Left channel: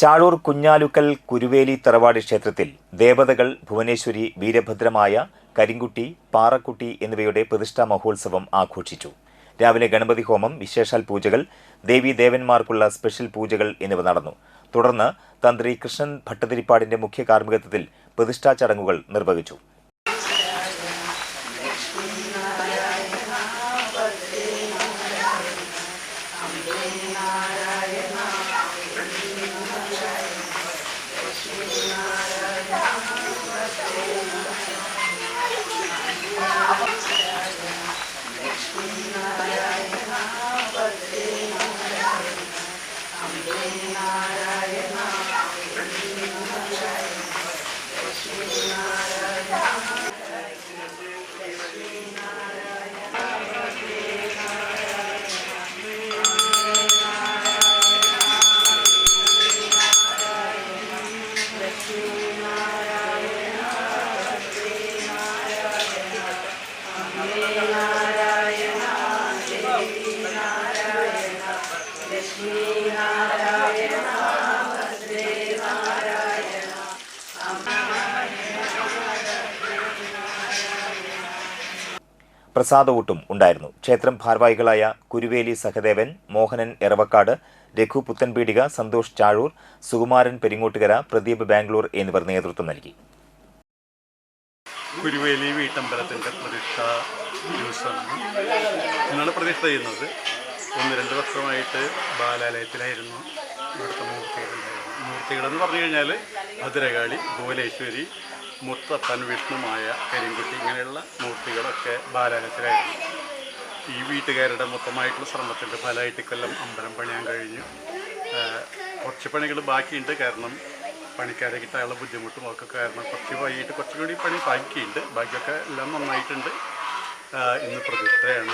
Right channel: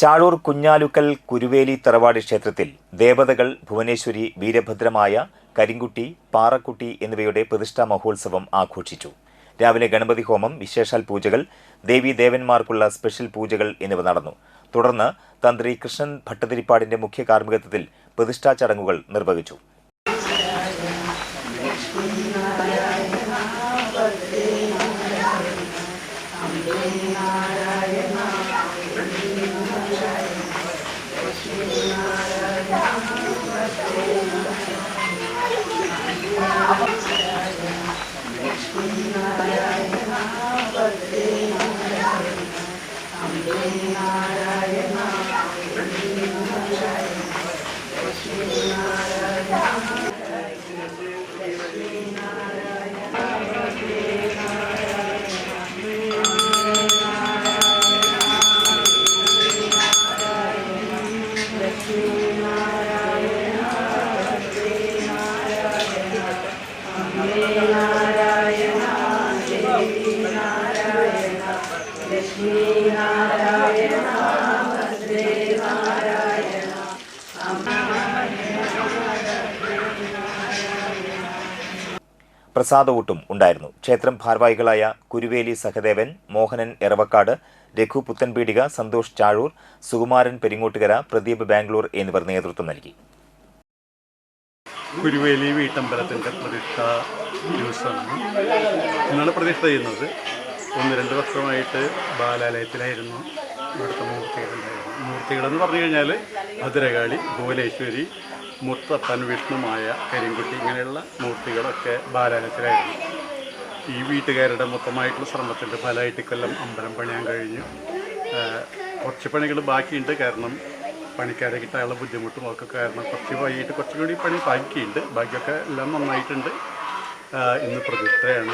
ചാഴൂർ കുഞ്ഞാലുക്കൽ കുരുവേലി തറവാട് ക്ഷേത്രത്തിൽ ദേവതകൾ ഭുവനേശ്വരി, വീരഭദ്രമായ, കരിങ്കുട്ടി, പാറക്കുട്ടി എന്നിവയുടെ പ്രതിഷ്ഠാ മഹോത്സവം ആഘോഷിച്ചു. രാവിലെ ഗണപതി ഹോമം, വിശേഷാൽ പൂജകൾ, ദേവീദേവന്മാർക്കുള്ള സ്പെഷ്യൽ പൂജകൾ എന്നിവ നടന്നു. തുടർന്ന് തന്ത്രി കൃഷ്ണൻ ഭട്ടതിരിപ്പാടിന്റെ മുഖ്യ കാർമ്മികത്വത്തിൽ പ്രതിഷ്ഠാ ചടങ്ങുകൾ നിർവഹിച്ചു. പ്രസാദവൂട്ടും ഉണ്ടായിരുന്നു. ക്ഷേത്രം ഭാരവാഹികളായ കുരുവേലി സഹദേവൻ, മോഹനൻ എറവക്കാട്, രഘു പുത്തൻപീടിക, സന്തോഷ് ചാഴൂർ, സുകുമാരൻ പെരിങ്ങോട്ടുകര, പ്രദീപ് ബാംഗ്ലൂർ എന്നിവർ നേതൃത്വം നൽകി. കുരുവേലി വീട്ടമ്പലത്തിൻ്റെ പ്രതിഷ്ഠാ ദിവസമാണ് ഇന്നാണ് പ്രതിഷ്ഠ ചെയ്യുന്നത്. 1-2 വർഷമായിട്ട് ബാലാലയത്തിലായിരുന്നു ഇവിടുത്തെ മൂർത്തികളെന്ന് പറഞ്ഞു കഴിഞ്ഞാൽ ഭദ്രകാളി, ഭുവനേശ്വരി, മുത്തപ്പൻ, വിഷ്ണുമായ, കരിങ്കുട്ടി ഇങ്ങനെയുള്ള മൂർത്തികളൊക്കെ ബാലാലയത്തിലായിരുന്നു. ഈ വീട്ടുകാരുടെ മൊത്തമായിട്ടുള്ള ശ്രമത്തിൻ്റെ ഫലമായിട്ട് കൊല്ലം അമ്പലം പണിയാൻ കഴിഞ്ഞു. കുറച്ച് പണികൾ ബാക്കിയുണ്ട്. കാരണം പണിക്കാരെ കിട്ടാനുള്ള ബുദ്ധിമുട്ടും ഒക്കെ കാരണം കുറച്ചുകൂടി പണി ബാക്കിയുണ്ട്. ബാക്കിയൊക്കെ എല്ലാം നന്നായിട്ടുണ്ട്. ഇന്ന് പ്രതിഷ്ഠയാണ്.